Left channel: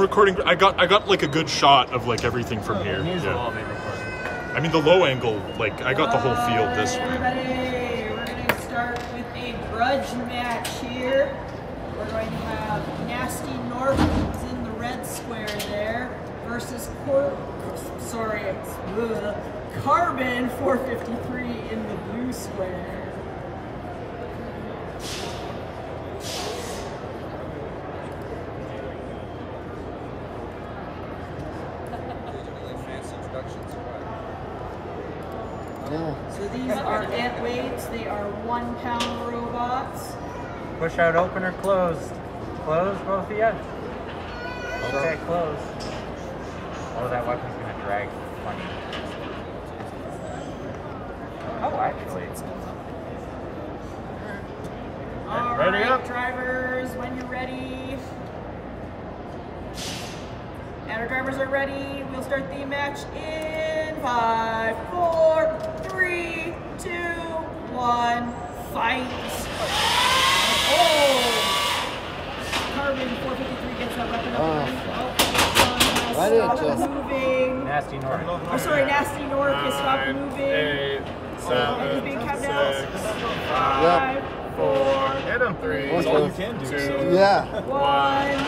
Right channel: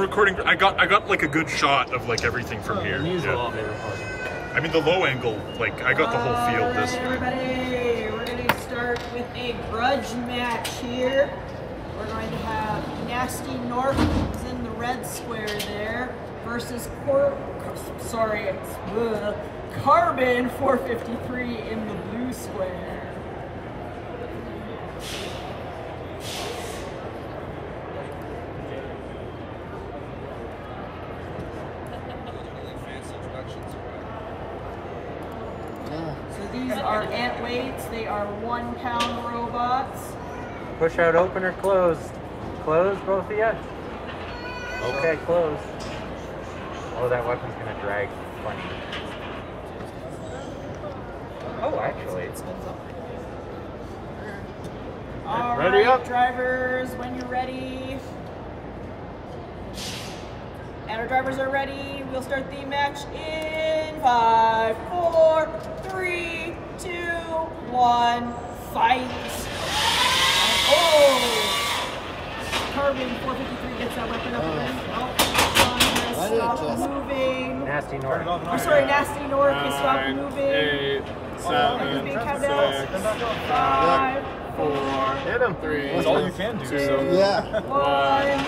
recording. I got like a good shot of like everything from here. Yeah. I mean the low angle, like I got the whole field this way. Everybody, we're gonna start with a grudge match here. We're going to have Gnasty Gnorc, who's in the red square there, versus Carbon 453 in the blue square. So these are Antweights. They are 1 pound robots. Push out open or closed? Closed, both of you? Okay, closed. Oh, that weapon's gonna drag. Funny. Oh, actually. All Ready right, up? drivers, when you're ready. And our drivers are ready. We'll start the match in 5, 4, 3, 2, 1, fight. Oh! Carbon 453 gets that weapon up. Why did it Stop just... moving. Gnasty Gnorc. Oh, sorry, Gnasty Gnorc has stopped moving. 8, 7, Big countdowns. 6, 5, 4, hit him. 3, 2, Yeah. 1, and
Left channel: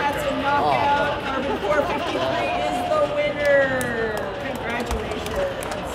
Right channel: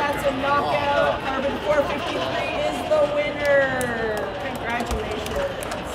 that's a knockout. Carbon 453 is the winner. Congratulations.